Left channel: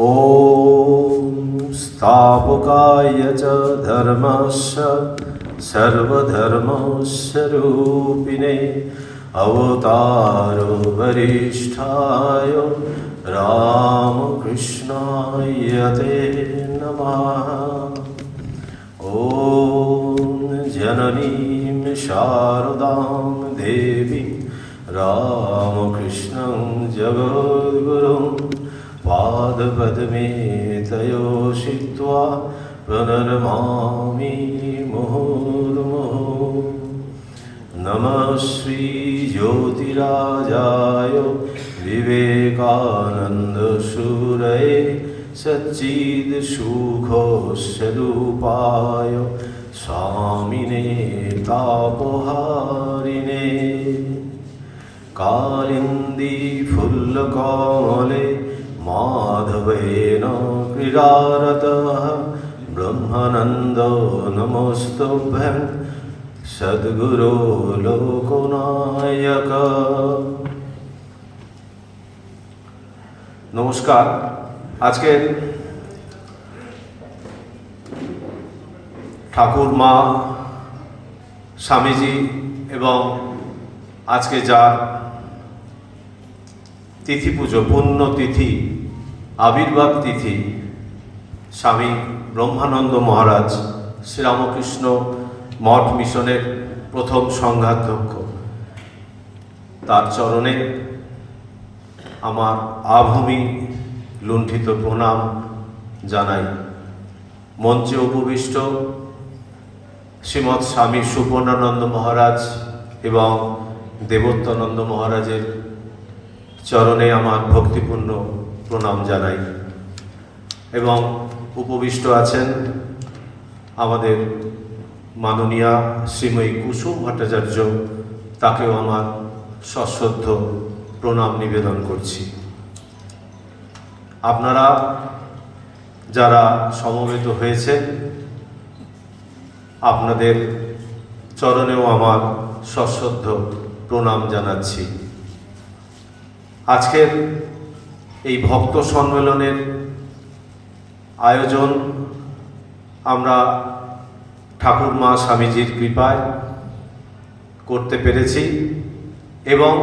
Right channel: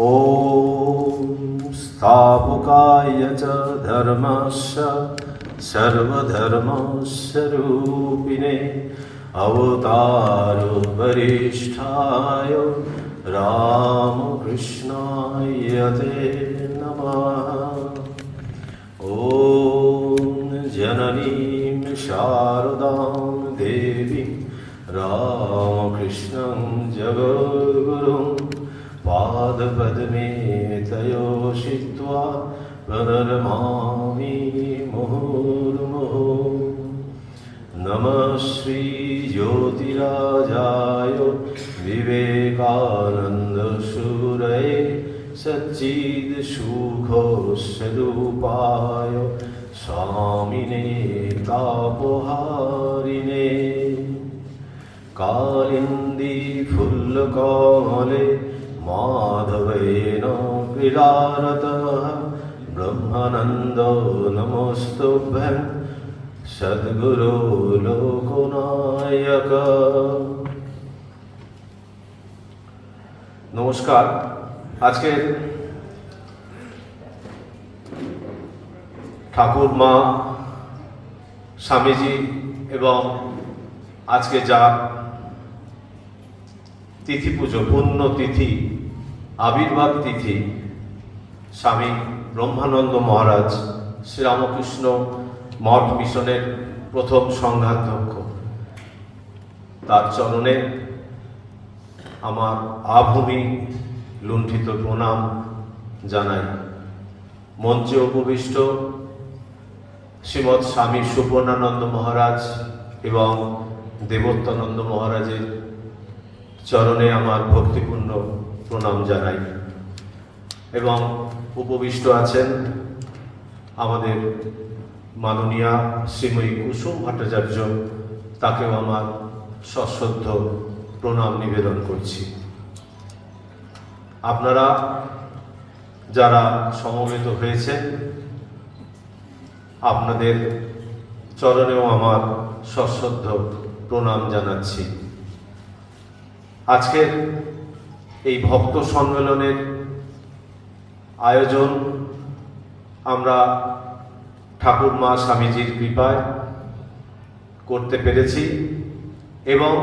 ॐ स्थापकाय च धर्मस्य सर्वधर्मस्वरूपिणे अवतारो वरिष्ठाय रामकृष्णाय ते नमः ॐ जननीं शारदां देवी रामकृष्णं जगद्गुरुं पादपद्मे तयोषित्वा प्रणरमामि मुहुर्मुहुः नमः श्रीज्योतिराजाय विवेकानन्दशूरये सच्चिदसुखस्वरूपाय स्वामिने तापहारिणे कालिन्दी फुल्लकमले माधवेन क्रीडारतः ब्रह्मानन्द नमस्तुभ्यं सद्गुरो লোকনায়ক নমস্কার আজকের ঠাকুর মা স্বামীজি এবং আজকে যার তিথি পুজো পূর্ণ তিথি আবির্ভাব তিথি স্বামী ব্রহ্মানন্দ মহারাজ শ্রীরামকৃষ্ণ মঠ মিশনের প্রথম সংঘাধ্যক্ষ। তার চরণে আমার আভূমি লুণ্ঠিত প্রণাম জানাই। মঞ্চে উপবিষ্ট শ্রীমৎ স্বামী সুবর্ণানন্দ মহারাজ এবং দেবত্যানন্দ মহারাজের চরণে আমার ভক্তিপূর্ণ প্রণাম জানাই এবং উপবিষ্ট আছেন আমাদের মাননীয়া শ্রীময়ী কুসুম ভট্টাচার্য, তাকেও আমার সশ্রদ্ধ প্রণাম নিবেদন করছি। আপনারা যারা সমবেত হয়েছেন, আপনাদের চরণেও আমার সশ্রদ্ধ প্রণাম জানাচ্ছি। আজকের এই ভক্ত সম্মেলনের আয়োজন আমরা ঠাকুর মা স্বামীজির কৃপায় করতে পেরেছি এবং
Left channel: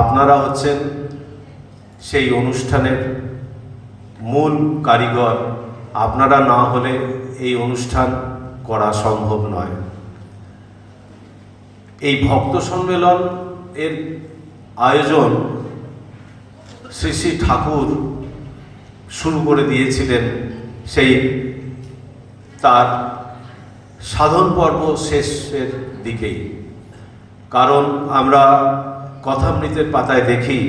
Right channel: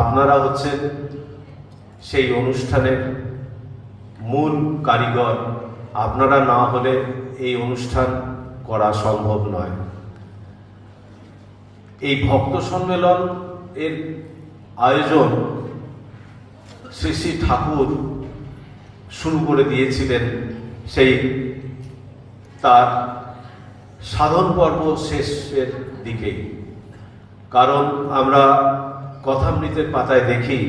আপনারা হচ্ছেন সেই অনুষ্ঠানের মূল কারিগর। আপনারা না হলে এই অনুষ্ঠান করা সম্ভব নয়। এই ভক্ত সম্মেলন এর আয়োজন শ্রী শ্রী ঠাকুর শুরু করে দিয়েছিলেন সেই তার সাধন পর্ব শেষের দিকেই। কারণ আমরা কথামৃতের পাতায় দেখি,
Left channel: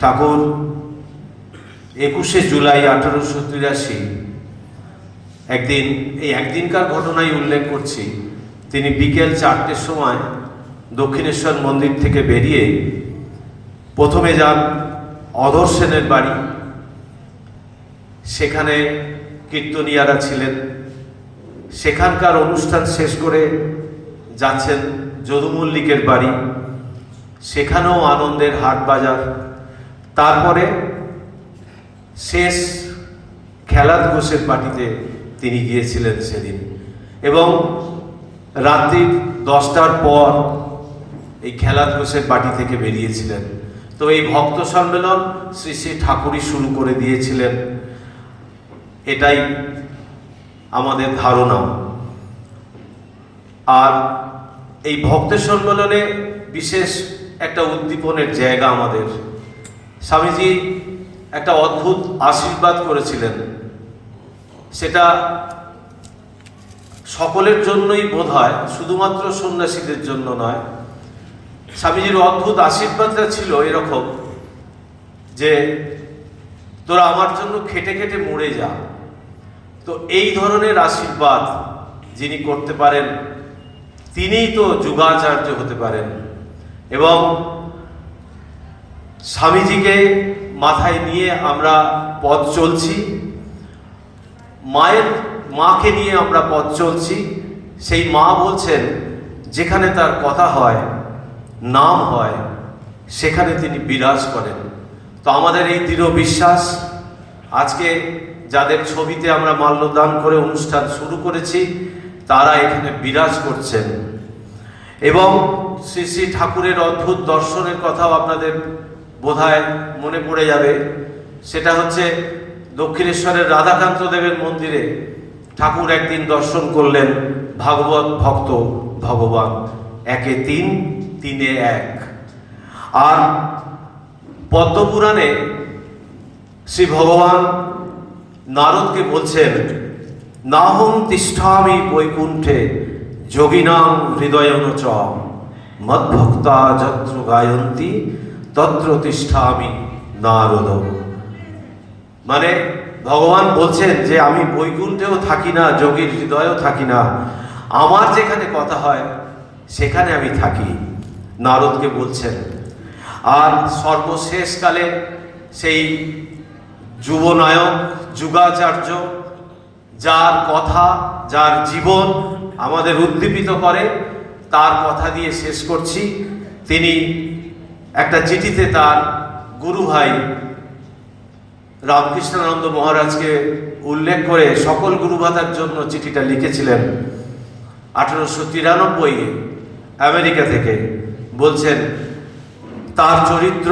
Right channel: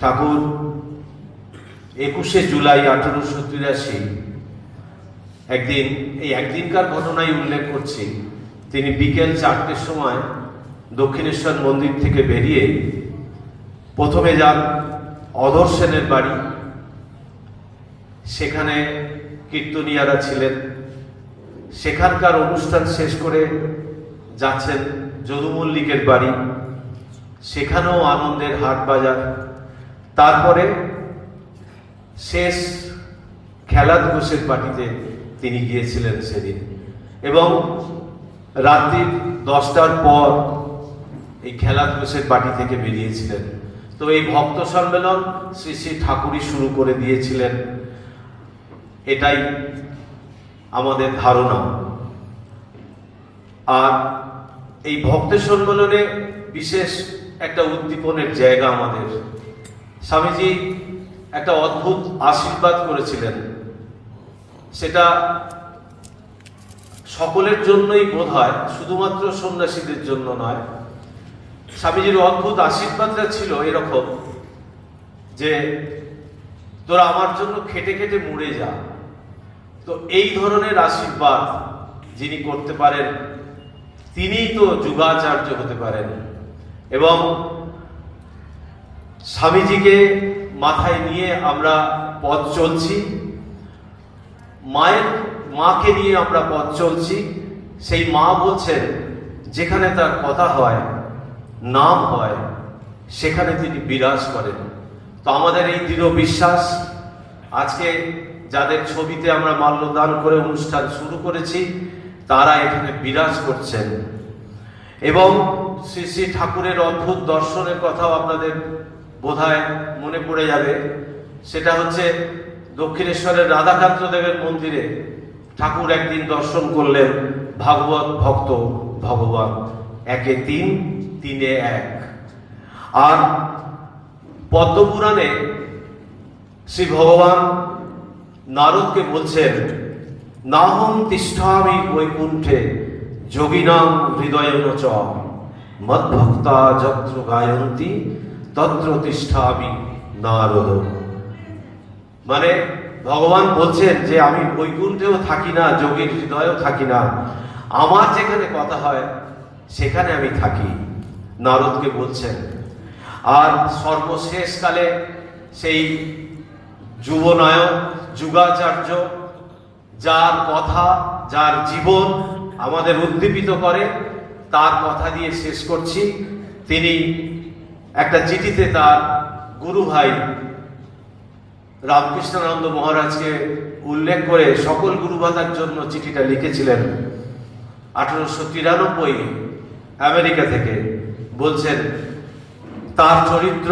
ঠাকুর একুশে জুলাই আঠারোশো তিরাশি, একদিন, এই একদিনকার ঘটনাই উল্লেখ করছি, তিনি বিকেল চারটের সময় দক্ষিণেশ্বর মন্দির থেকে বেরিয়ে প্রথমে যান অধর সেনের বাড়ি। সেখানে কীর্তনিয়ারা ছিলেন। সেখানকার অনুষ্ঠান শেষ করে যাচ্ছেন যদু মল্লিকের বাড়ি। সেখানেও আনন্দের হাট বাজার। তারপরে শেষ খেলাদ ঘোষের পার্টিতে তিনি গিয়েছিলেন সেদিন। এবং রাত্রি দশটার পর এই খেলাদ ঘোষের পার্টি থেকে বেরিয়েছিলেন। তো এই ভক্ত সম্মেলন শ্রী শ্রী ঠাকুরই শুরু করে দিয়েছিলেন। এটাই আমাদের ধারণা। আর এই ভক্ত সম্মেলনে বিশেষ একটা উদ্দীপনের জায়গা আমাদের। স্বামীজি একটা অদ্ভুত আশীর্বাদ করেছিলেন। সেটা সকলের জন্যই বোধ হয় শুধুমাত্র সন্ন্যাসীদের জন্য নয়। স্বামীজির অদ্ভুত আশীর্বাদটা ছিল এরকম যে, তোরা আমার জন্য খেটে খেটে মরে যা। তো এই ধরনের আশীর্বাদ যিনি করতে পারেন, তিনিই তো যুগাচার্য হতে পারেন। এবং স্বামীজিকে মাথায় নিয়ে আমরা পথ চলছি, মায়ের, মাকে নিয়ে আমরা পথ চলছি। সেই মা বলছেন, যেখানে তার কথা হয়, নাম হয়, সেখানে তিনি বিরাজ করেন। তো আমাদের এই দৃঢ় বিশ্বাস, আজকে যাদের ছবিতে আমরা মাল্যদান করে অনুষ্ঠান শুরু করেছি, তারা এখানে বিরাজ করছেন। এবং শ্রী শ্রী ঠাকুরের অদ্ভুত দর্শনের কথাও আপনাদের বোধহয় মনে পড়ে যাবে। সেটা হচ্ছে দক্ষিণেশ্বরের রাধাকান্ত দেবের মন্দিরে ঠাকুর একদিন দর্শন করলেন ভাগবত ভক্ত ভগবান। একে তিন, তিনে এক। আর পদ্মপুরাণে শ্রী ভগবান নারদকে বলছেন নাহম তিষ্ঠামি বৈকুণ্ঠে যোগিনাম হৃদয়ন চ। মদ্ভক্তা যত্র গায়ন্তী, তত্র তিষ্ঠামি নারদ। মানে ভগবান বলছেন যে, আমি বৈকুণ্ঠেও থাকি না, যোগীর হৃদয়েও থাকি না। আমার যেখানে কথা হয়, সেখানে আমি থাকি। নারদকে বলছেন। আর সর্বশেষকালে সেই যুবনায়ক, যুগাচার্য, যার কথা, যার জীবন আমাদের উদ্দীপিত করে, তার কথা দিয়ে শেষ করছি। তিনি একটা চিঠিতে তার গুরু ভাই রামকৃষ্ণানন্দ মহারাজকে উল্লেখ করে সকল গুরুভাতার জন্য চিঠিটা লিখেছিলেন আঠারোশো তিরানব্বই আমেরিকা থেকে। বলছেন, তার চরিত্র,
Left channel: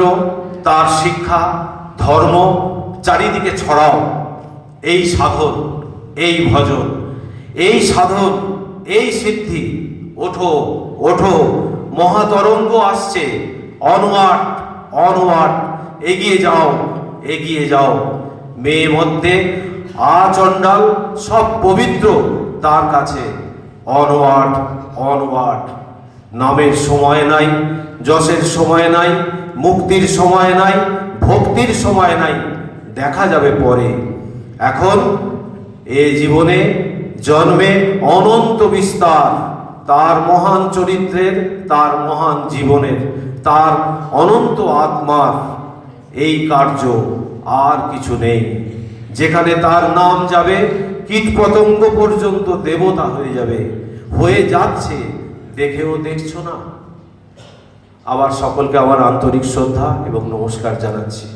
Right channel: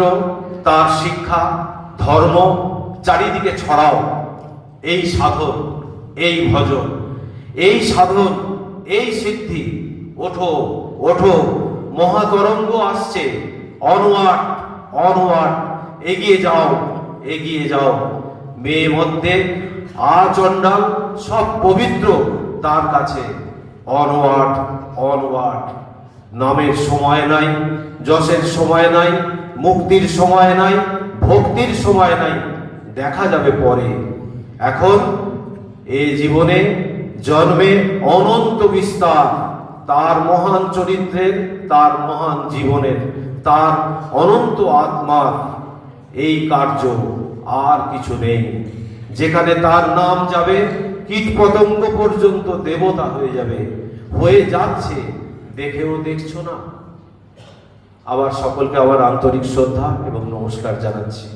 তার শিক্ষা, ধর্ম চারিদিকে ছড়াও। এই সাধন, এই ভজন, এই সাধন, এই সিদ্ধি, ওঠো ওঠো, মহাতরঙ্গ আসছে অনওয়ার্ড অনওয়ার্ড এগিয়ে যাও এগিয়ে যাও। মেয়ে মধ্যে আচণ্ডাল সব পবিত্র তার কাছে। অনওয়ার্ড অনওয়ার্ড নামের সময় নাই, যশের সময় নাই, মুক্তির সময় নাই, ভক্তির সময় নাই। দেখা যাবে পরে। এখন এ জীবনে জন্মে অনন্ত বিস্তার, তার মহান চরিত্রের, তার মহান জীবনের, তার অনন্ত আত্মার এই কার্য আর কিছু নেই। যেখানে তার নাম যাবে কীট পতঙ্গ পর্যন্ত দেবতা হয়ে যাবে। হয়ে যাচ্ছে, দেখেও দেখছ না। আবার সকলকে আমার আন্তরিক শ্রদ্ধা এবং নমস্কার জানাচ্ছি।